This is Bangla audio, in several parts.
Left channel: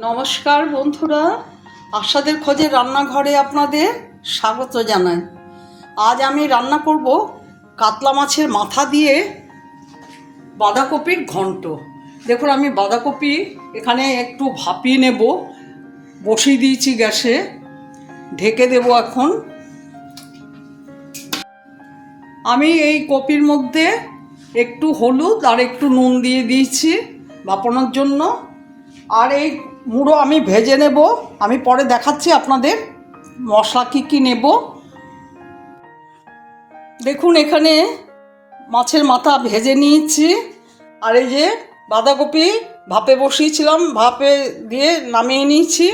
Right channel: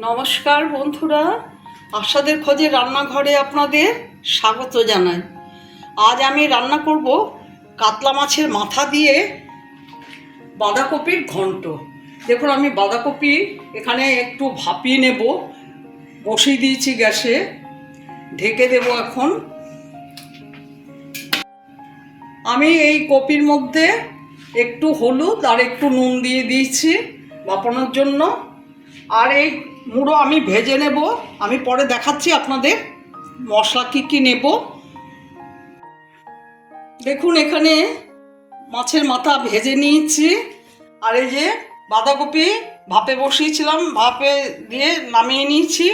নমস্কার বন্ধুরা। আশাদের খোঁজে রান্নাঘরে আপনাদের স্বাগত জানাই। আজ আমি রান্না করব কাতলা মাছের মাথা দিয়ে বাঁধাকপির ঘন্ট। দেখুন, আমি বাঁধাকপি এখানে একটু ভাপিয়ে নেব। বসিয়ে দিয়েছি গ্যাসে। ঢেকে দেব এখন। আমি এই কপির মধ্যে একটু হলুদ আর একটু নুন দিয়ে দিয়েছি বাপানোর জন্য। আর এই মুড়ো আমি ভেজে নেব। আমি পরে দেখাচ্ছি আপনাদের মশলা কী কী নেব। দেখুন এখানে মাছের মাথা ভেজে নিয়েছি। আর এই যে বাঁধাকপি ভাপে বসিয়েছিলাম, ভাপে দিয়ে নামিয়ে নিয়েছি।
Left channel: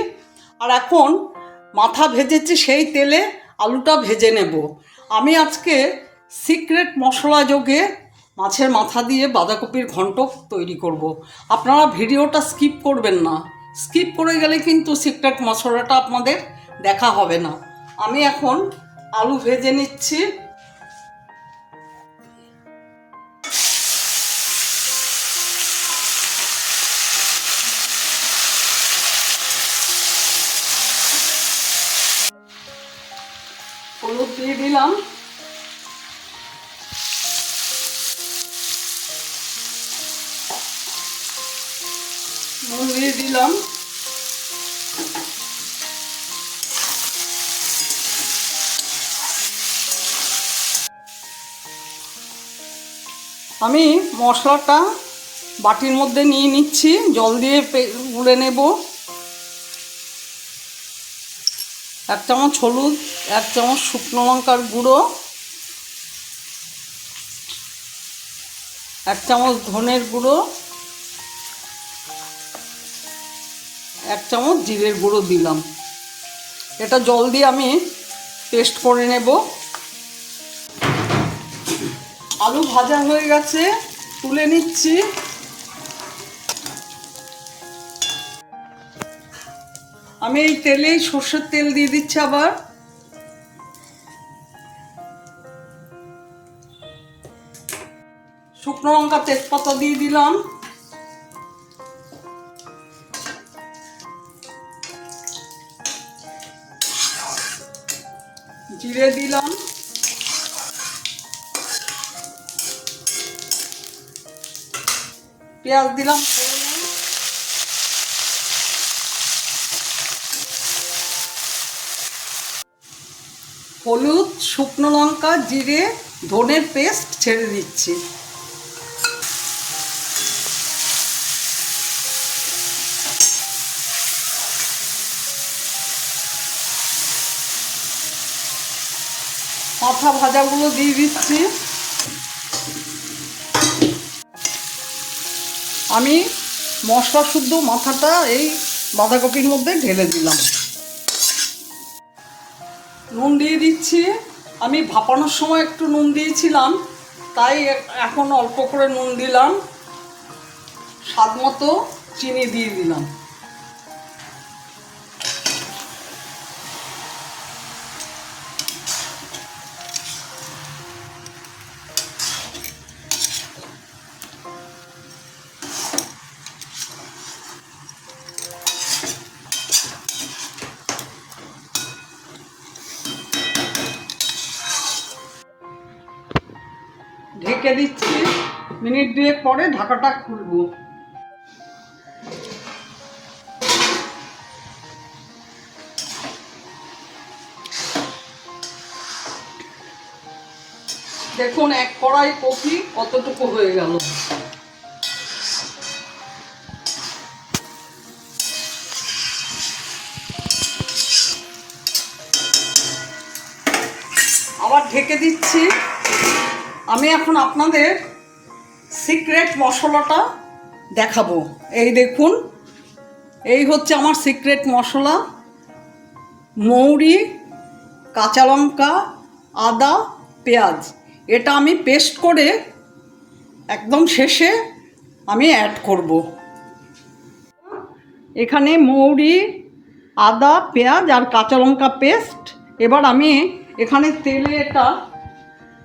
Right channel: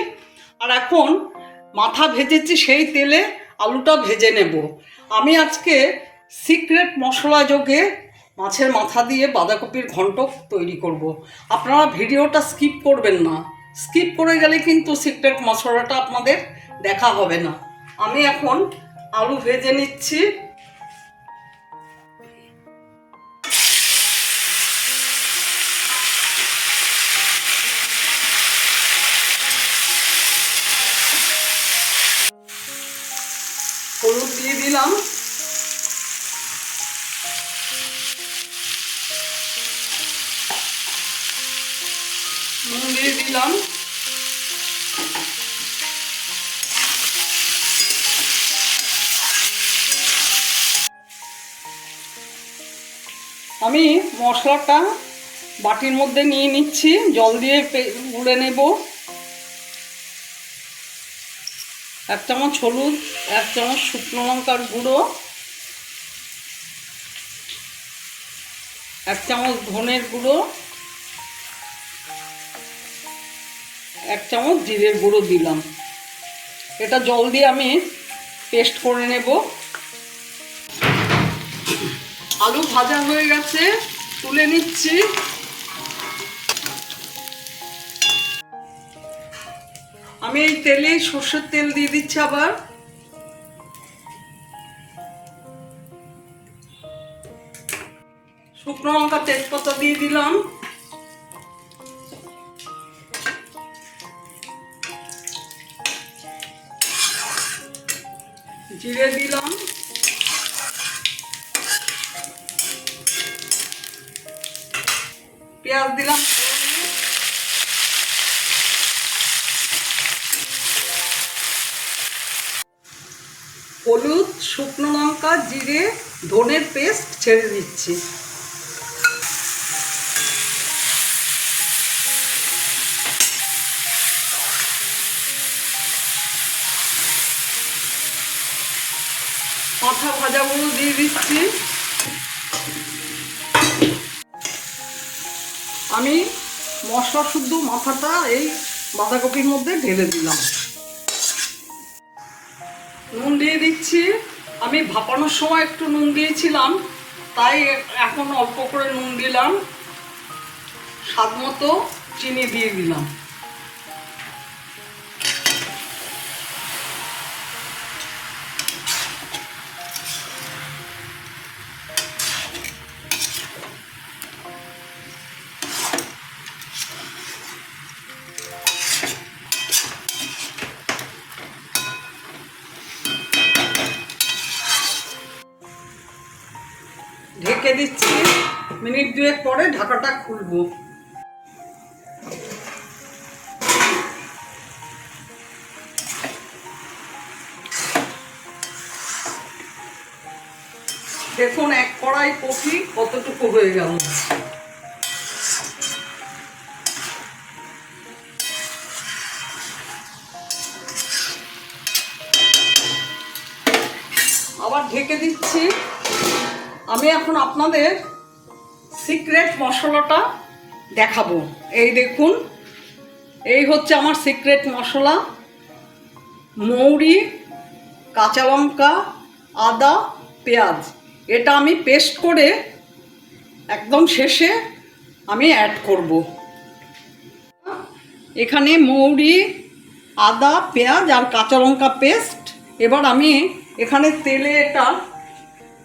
আর এখন মাথা ভেজেছি সেই তেলে আলুটা ভেজে নেব। আমি আজকে সিক্রেট মশলা যোগে মাছের মাথা দিয়ে বাঁধাকপির ঘন্ট তৈরি করব। আপনারা ভিডিওটা স্কিপ করবেন না। স্কিপ করে গেলে কিন্তু সিক্রেট মশলাটা আপনাদের দেখা হবে না। আমি এখন আলু ভেজে নিচ্ছি। দিলাম। আমি মশলাটা বাটির মধ্যে নিয়ে নিচ্ছি, জল দিয়ে গুলে নেব। এক চামচ হলুদ, এক চামচ শুকনো লঙ্কার গুঁড়ো, এক চামচ ধনের গুঁড়ো এক চামচ জিরের গুঁড়ো দিলাম। এটা জল দিয়ে আমি পেস্ট করে নেব। আলু ভাজা হয়ে গেছে, তুলে নিচ্ছি। আমি এই তেলেই সর্ষের তেল দিয়ে দিচ্ছি আবার। শুকনো লঙ্কা তেজপাতা দিয়ে দিলাম। জিরে দিলাম। পেঁয়াজ দিলাম। হলুদ শুকনো লঙ্কা জিরে ধনের পেস্ট ছেড়ে দিচ্ছি। মাথা ভাজাগুলো দিয়ে দিচ্ছি। আমি মশলা শুদ্ধ মাথাটা এই বাঁধাকপির মধ্যে ঢেলে দিলাম। নুন দিয়ে দিচ্ছি। আমি ভাপানোর সময় একটু নুন দিয়েছিলাম, তাই এখন অল্প করে নুন দিলাম। স্বাদ মতো চিনি দিয়ে দিলাম। ঢেকে দিচ্ছি। মিনিট দুয়েক পরে ঢাকাটা খুলবো। দেখুন, এক কড়াই কফি কতটুকু হয়ে গেল। আবার ঢেকে দিচ্ছি। আমি এখন আপনাদের সিক্রেট মশলাটা দেখাবো। এই দেখুন, এই হচ্ছে আমার সিক্রেট মশলা। মৌরি, কাঁচা লঙ্কা, আদা, পেঁয়াজ। এটা আমি পেস্ট করে একদম শেষে আমি অ্যাড করব। এখানে মৌরি, আদা, পেঁয়াজ আর কাঁচা লঙ্কা পেস্ট এবার আমি এখানে তেলে এটা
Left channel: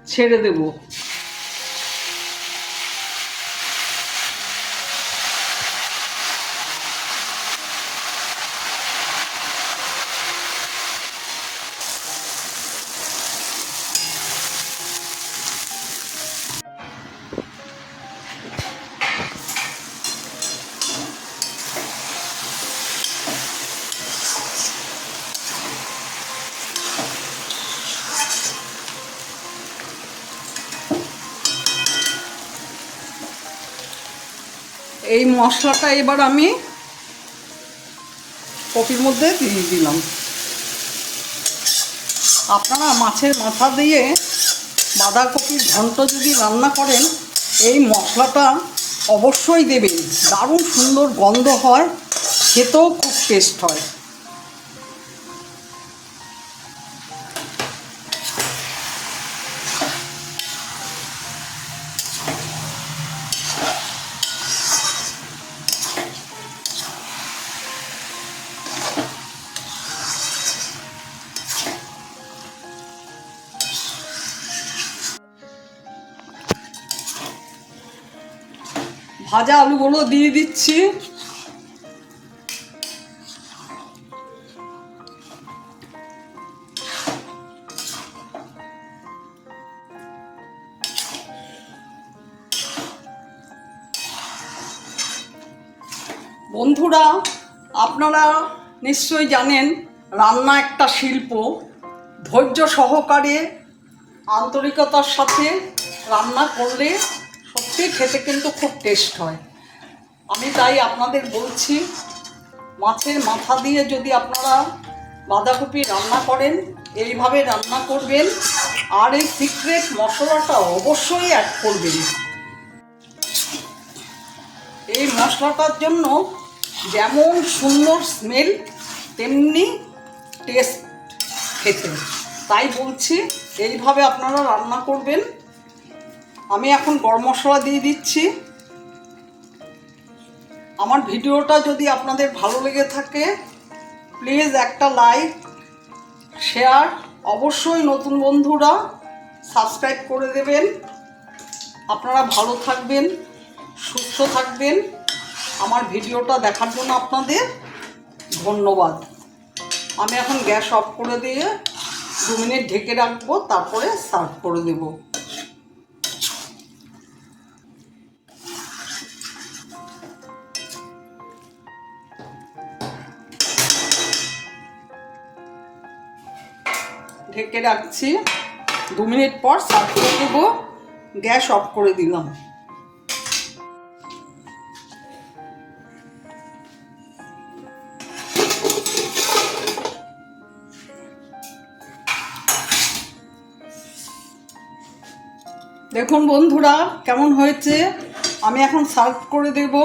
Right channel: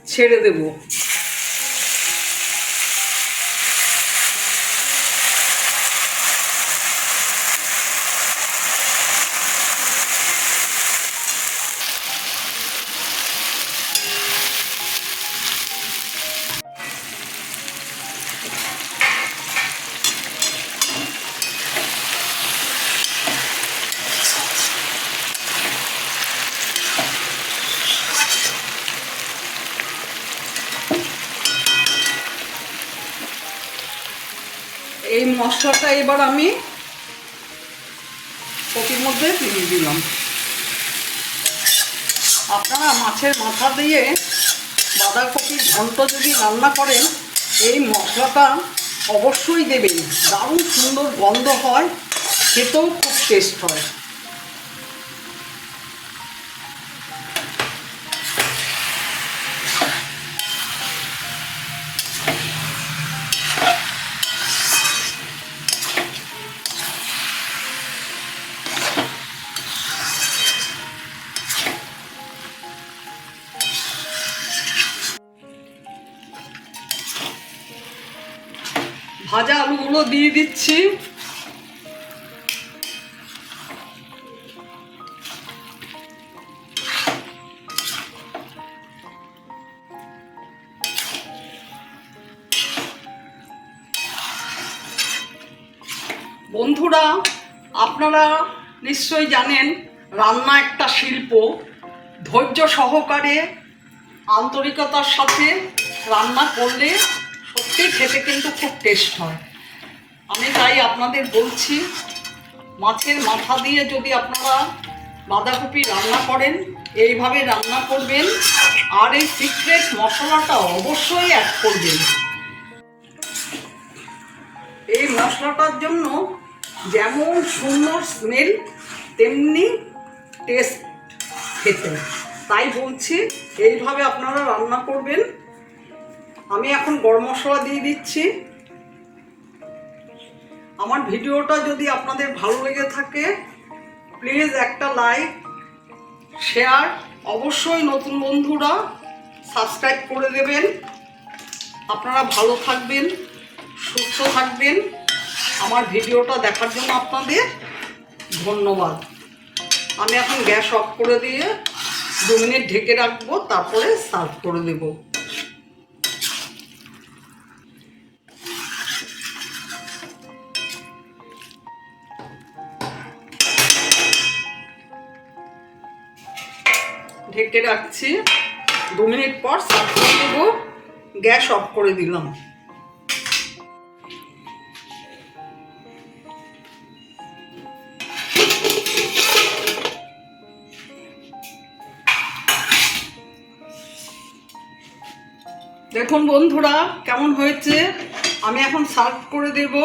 ছেড়ে দেব। এই মশলাটা এবার আমি কপির মধ্যে দিয়ে দিলাম। আপনারা মাছের মাথা দিয়ে বাঁধাকপির ঘন্ট যদি রান্না করেন, এই মশলাটা অবশ্যই দেবেন। দারুণ সুন্দর গন্ধ হয়, খেতেও খুব টেস্ট হয়। ভাজা আলুগুলো দিয়ে দিচ্ছি। বন্ধুরা, আপনারা নিশ্চয়ই জানেন, রান্না একটা শিল্প। ধৈর্য সহকারে, আন্তরিকতার সাথে রান্না করলে সত্যি খেতে কিন্তু খুব টেস্ট হয়। আমি তাই আপনাদের বলছি, মাছের মাথা দিয়ে যদি আপনারা বাঁধাকপি রান্না করেন, এইভাবে রান্না করবেন, আর এই সিক্রেট মশলাটা অবশ্যই অ্যাড করবেন। এই মশলাটার জন্য যেমন সুন্দর স্মেল তেমনি টেস্ট খেতে। তাই বলছি, এইভাবে আপনারা রান্না করবেন। আমি এখন গরম মশলা দিয়ে দিচ্ছি। আমার ভিডিওটা যদি আপনাদের ভালো লেগে থাকে প্লিজ একটা লাইক শেয়ার অবশ্যই নতুন বন্ধুরা সাবস্ক্রাইব করে দেবেন। আপনারা ভালো থাকবেন, সুস্থ থাকবেন। আমার ভিডিওটা দেখার জন্য আপনাদের ধন্যবাদ। আমি এখন গ্যাস অফ করে দিয়ে দু মিনিট ঢেকে রাখব, তারপরে সার্ভ করে দেবো। ঢেকে রাখছি। দু মিনিট পর সার্ভ করে দেবো। গ্যাস অফ করে দিলাম। দেখুন বন্ধুরা, কেমন হয়েছে? আমি এখন সার্ভ করে দেবো।